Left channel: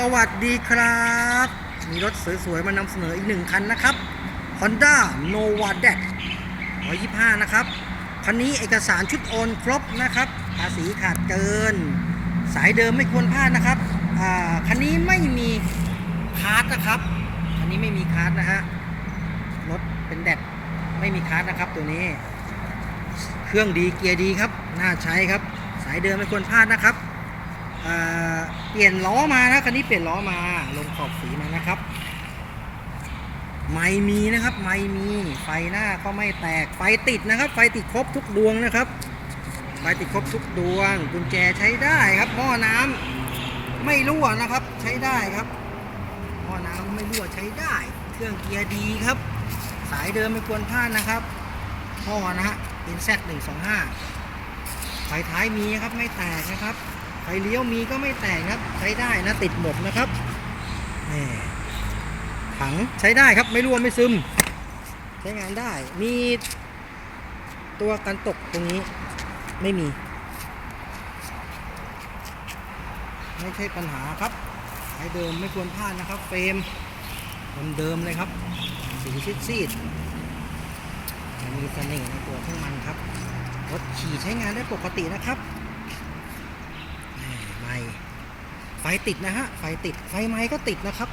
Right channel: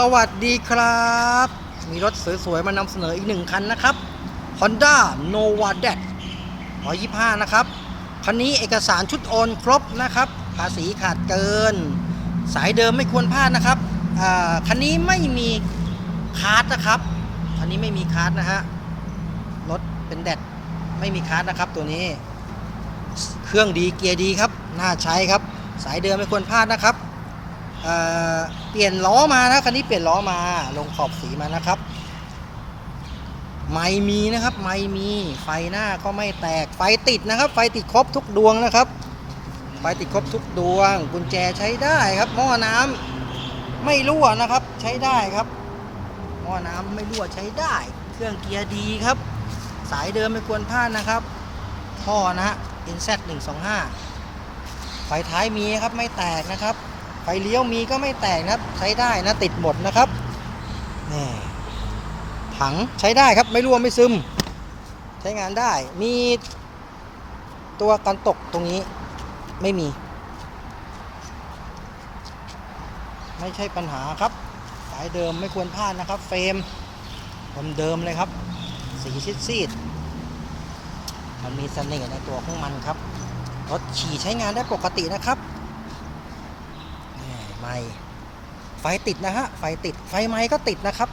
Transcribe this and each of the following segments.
สวัสดีครับ มีรถสวยๆมานำเสนออีกหนึ่งคันนะครับ Honda Nova d e t 125 นะครับ คันนี้เอกสารชุดโอนครบนะครับ ภาษีขาดเกิน สายเดิมไม่ควรพลาดนะครับอ่าคันนี้ไม่มีคาร์ดนะครับ คันนี้ไม่มีคาร์ดนะฮะ รถเป็นแดดไม่มีคาร์ดนะครับตัวนี้ เครื่องดีเกียร์ดีครับ น่าใช้ครับ สายเดิมไม่ควรพลาดนะครับ เเปลี่ยนล้อมานะคันนี้เปลี่ยนล้อมาลงขอบสีมานะครับ ไม่มีนะครับ ไม่มีไฟหน้าก็ไม่แตกไฟติดนะครับ ไฟติดครบทุกดวงนะครับ ไฟติดครบทุกดวง กุญแจใช้ได้ครับ หม้อน้ำไม่รั่วนะครับ ใช้ได้ครับหม้อน้ำไม่รั่วใช้ได้ เครื่องเกียร์ดีครับ สายเดิมไม่ควรพลาดนะครับท่อนะฮะ NZ 125ไฟท้ายมีครับไม่แตกนะครับ ฟเลี้ยวมีก็ไม่แตกนะครับ ใช้ได้นะติดหมดนะครับนี่ถังใช้ได้ครับไม่รั่วไม่ซึม ใช้งานได้มีตัวกันตกตรงนี้ไม่มี ไม่ใช่ปัญหาครับ สายเดิมไม่ควรพลาดนะครับ เฟรมเดิมๆเลยครับ สีซีดๆมันมีเสน่ห์ในตัวของมันครับรถขี่ใช้งานได้ปกตินะครับ ไม่ ไฟติดนะฮะ ไฟติด ไฟไม้ก็ติดนะครับ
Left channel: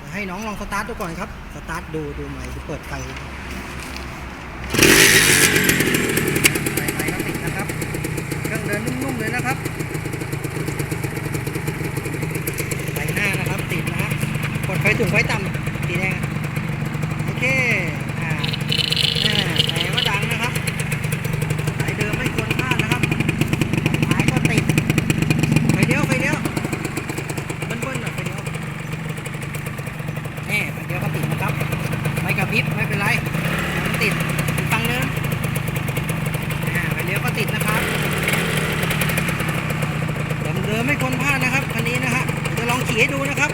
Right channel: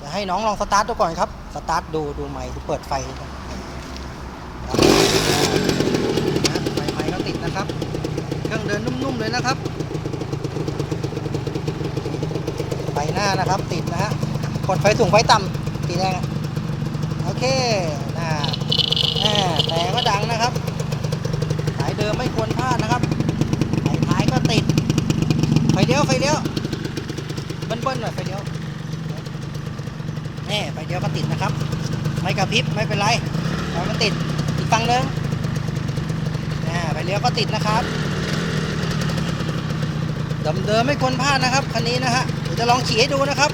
จะให้น้องลองสตาร์ทดูก่อนครับ สตาร์ทดูดูไม้ดูเปิดไฟไฟไม้ก็ติดนะครับ เครื่องเดินนุ่มๆเลยนะครับ ไฟหน้านะครับติดนะฮะ กดไฟสูงไฟต่ำสีแดง โอเคน่าน่าแต่ก็ดังนะครับ สายเดิมไม่ควรพลาดนะครับ ไฟท้ายก็ติด ไฟเลี้ยวไฟเลี้ยวเบิ้ลๆหน่อยไฟเลี้ยวแน่ไฟเลี้ยวก็ติดนะครับ ไม่กระพริบไม่เป็นไรแต่มันติดติดตังเดิมน่าไฟเลี้ยวก็ติดนะครับเดิมๆไม่ควรพลาดนะครับคันนี้นะฮะเดี๋ยวจะลองขี่ให้ดูนะครับ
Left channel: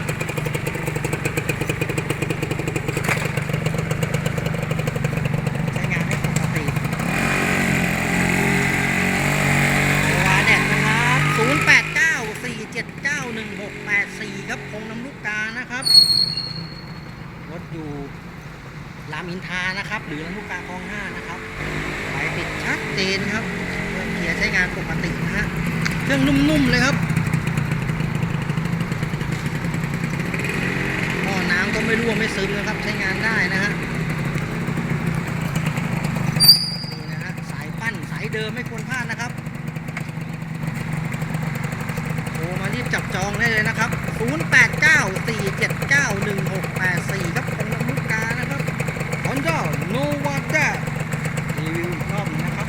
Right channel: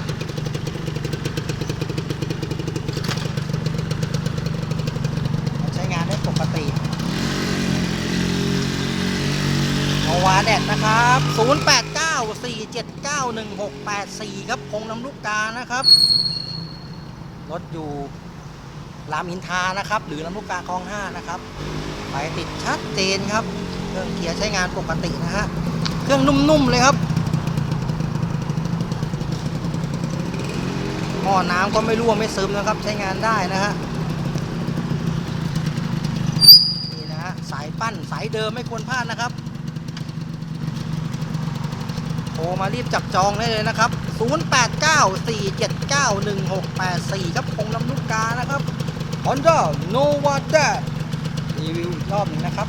ใช้งานได้ปกติโอวาแดดนะครับ0894791684 ครับคงน้ำลูกกานะครับ รถอยู่ รามอินทานะครับ หรือลำลูกกาคลอง5นะครับไฟติดชัดเจนครับ เครื่องเกียร์ใช้งานปกตินะฮะ เครื่องนุ่มๆเลยครับหม้อน้ำก็ไม่รั่วไม่ซึมนะครับ ใช้งานได้นะฮะ นี่นะฮะสายปั้นสายเดิมไม่ควรพลาดนะครับโทรมารีบจับจองได้เลยนะครับ 0894791684 ครับคงลำลูกกานะครับ Honda Nova d a รีวิวอีกรอบนึงนะครับ